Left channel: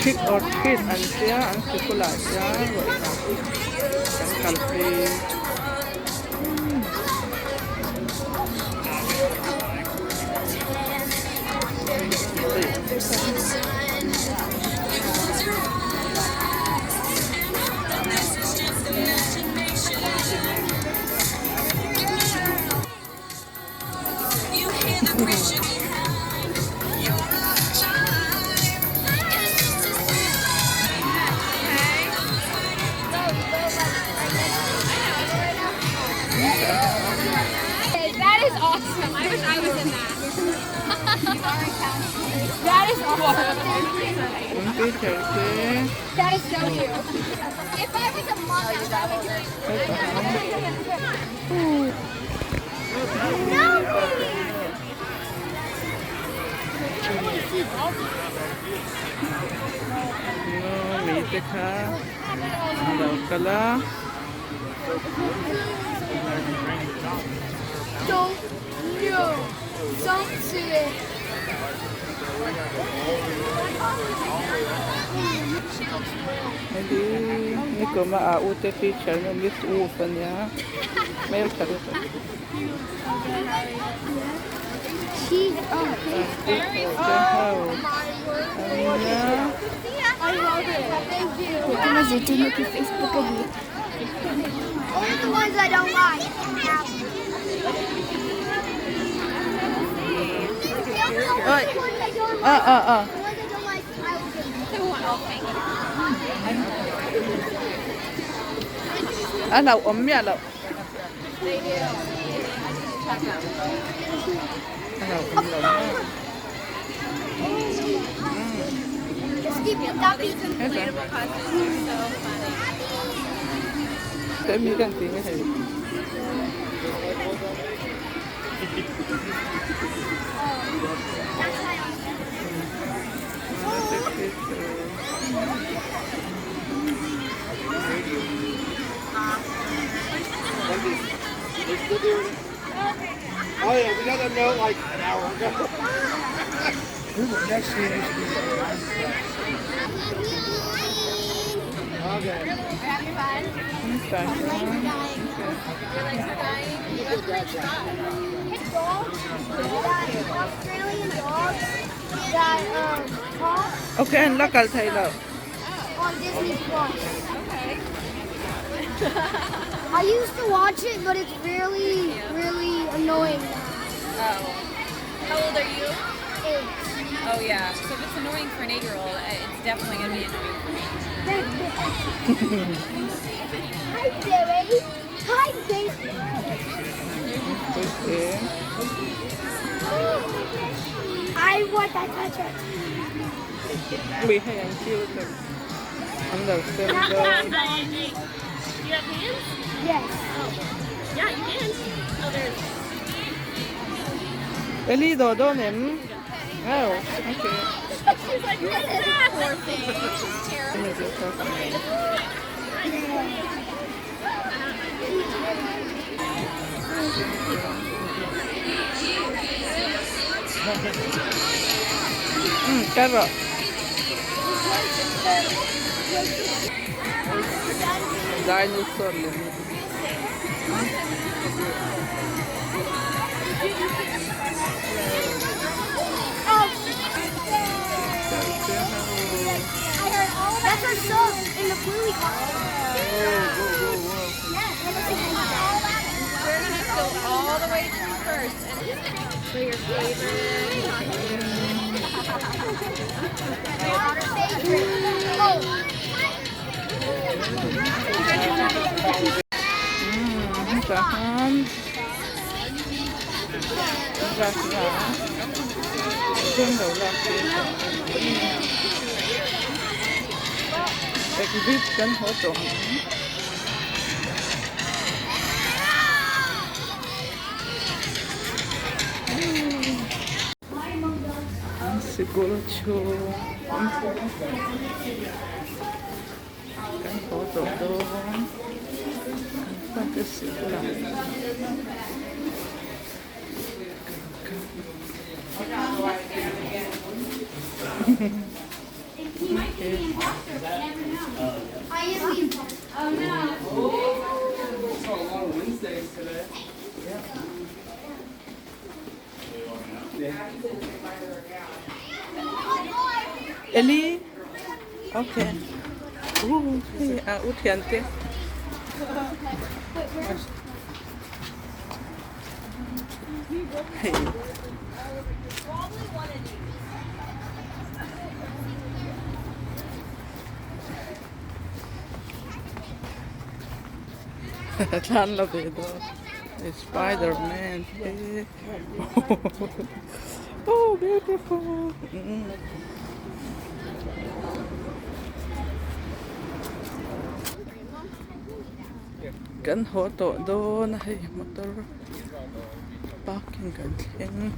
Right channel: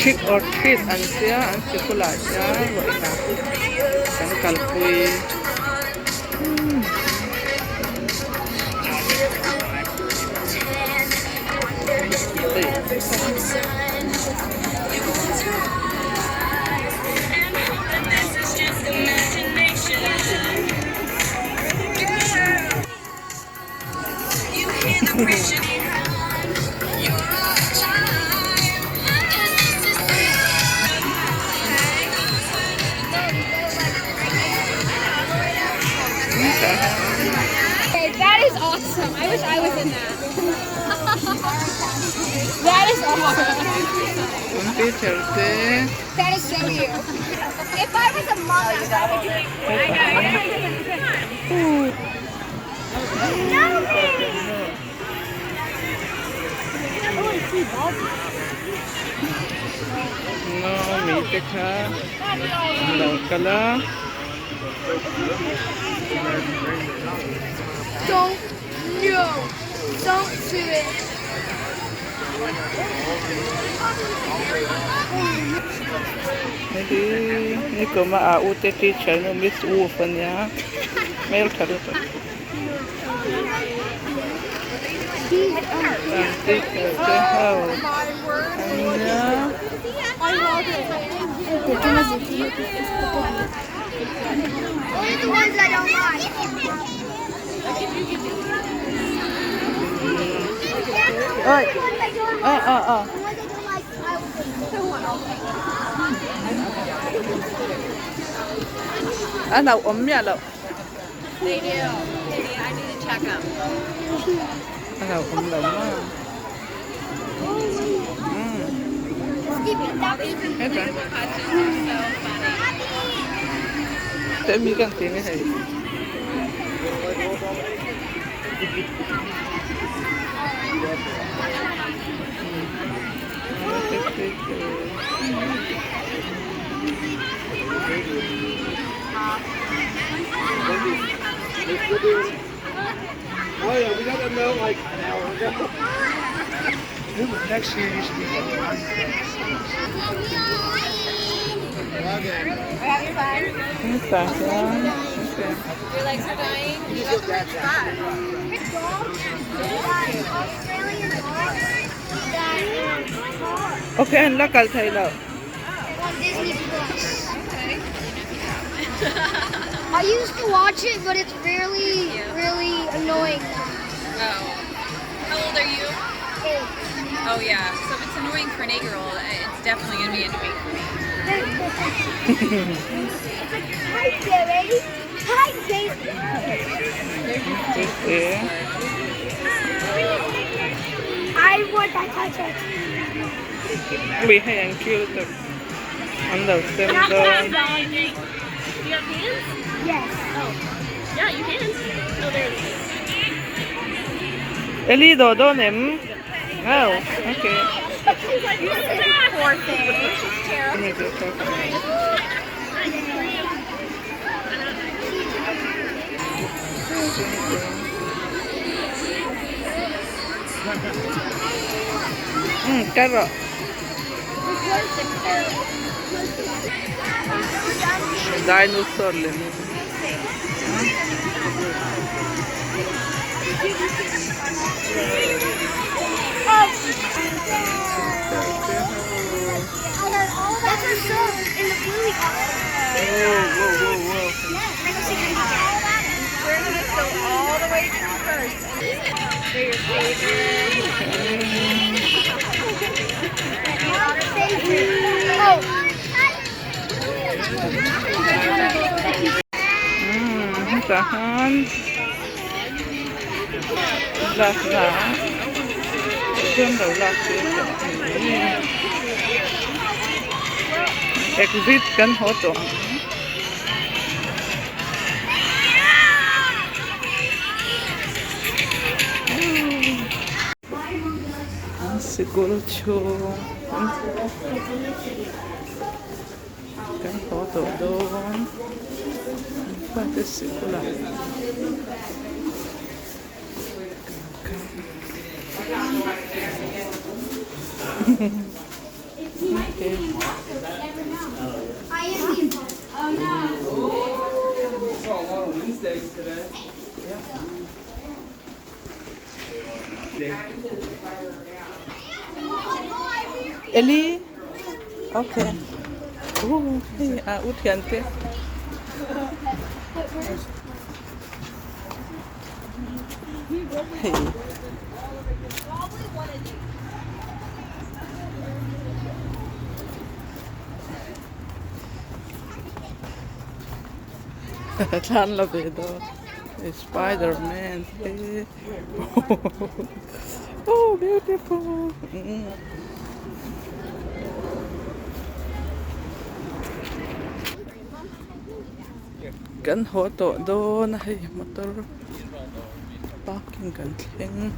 Trick or treat an sia an sikula sia gọi là kan kalpui Okay, that is awesome. I wish I was in that. That is awesome. Unti cherte That is so cute. If I was a mom, I would be doing no mite ka daw kala Don't, no, don't do it. Jadi ni koma a ute teacher no miss u fanya mail karo to teacher ke how anya I love it. Thank you. Facebook of you. Only the ones I don't like. ơi The ones I don't à like. à à The ones I don't like, I will à nào ốm mẹ nào à nào ốm lắm à hết rồi để mi cần tiền cái gì Oh yeah, we got to know like an hour ago. Next year you should be okay. không phải Your legs are dying. You have to His dog, that Australian dog that ok anh là cần thầy nào on Disney Plus. Okay. I used to watch it, but it's really, really annoying now. Oh. How old are you? 8. Oh yeah. So if it's annoying for an 8-year-old, it's definitely gonna be annoying. Hi, Jerry. Hi, Jason. thế I want that touch it. bị hay anh kêu được anh đầu xem Not đó that dog. Do you have hands? Yes. Yeah, you can. Oh, there it is. Ellie đồ đó ném oh ok Poor thing. Let me just talk about it. Carrot. Dinosaur lemon. I heard all of that are so in the Bluey Whoa. We're gonna go all the way through first. For your Tahan. Lạc. Dương đầu lạc phía chỗ. Exit kan ho to. Siguro kan ho to doon. Testicular. Okay. I am being pumped. Oh no. saw a lot of Wednesdays today. Ellie? Okay. Hey, Utiante. Hey. Tan la vedo. Spider-Man. Hey. Oh, beautiful. Kan hoto doon ay motor parking kan thing.